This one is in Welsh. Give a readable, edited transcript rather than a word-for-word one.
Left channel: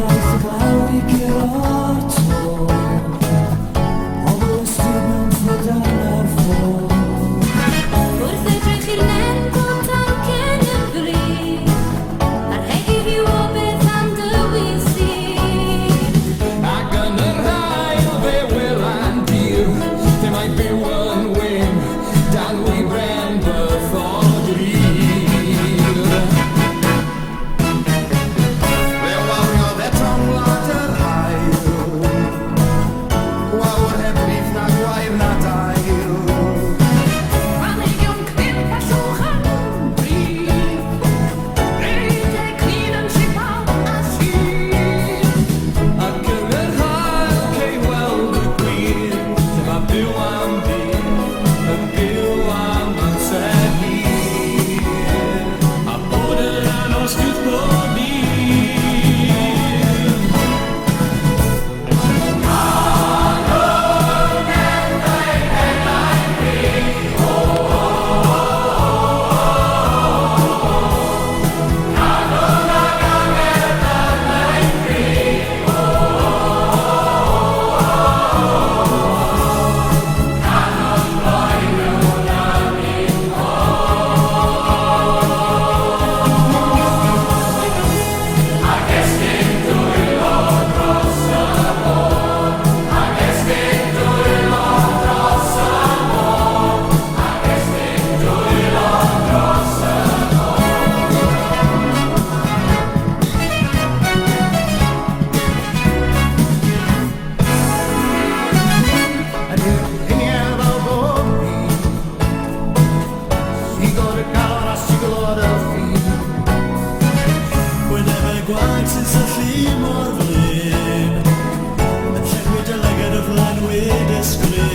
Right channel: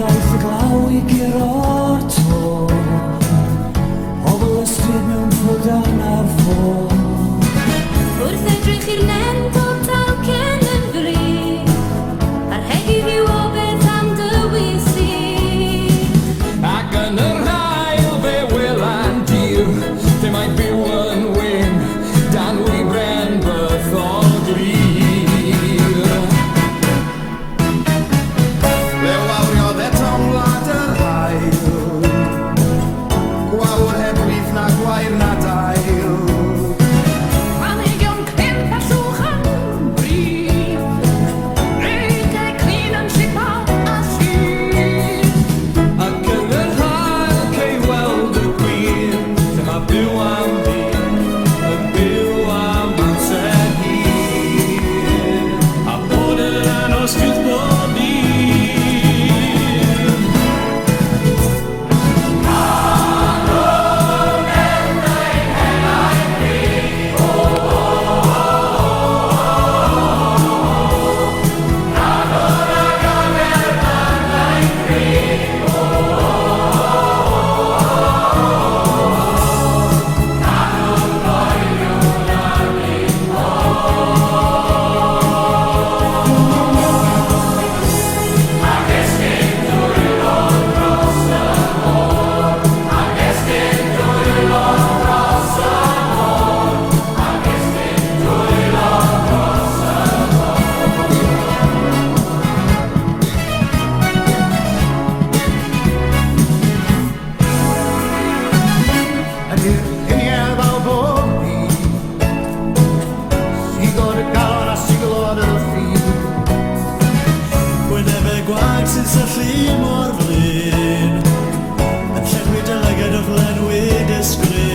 daeth y glaw i guro'r to. Pobl ystryd mewn ffwdan ar ffôn. Wrth edrych i'r nen bod dalcen yn fri, a'r hegi hiw o beth am dywysi. Ac yn yr hael fe welan dir, lle mae byw yn wyn, dan wybren bythol glir. Le wawriodd eto'n wlad yr hael, gwawr heb wyth na gwair na dail. Planhigion crimp a llwch yn brif, redeg clun yn sipal a syr. Ac yn yr hael cei weld y gwir, lle mae byw am dyn, yn byw am amser hir, a bod yn anos gyda bob un. Yn i'r uniedd fel bob ni, sigod y galon a sigolod y ffin. Wyneb y gwag sy'n syllu mor flin, yn llenwi dy lyged o glenwi disgrin.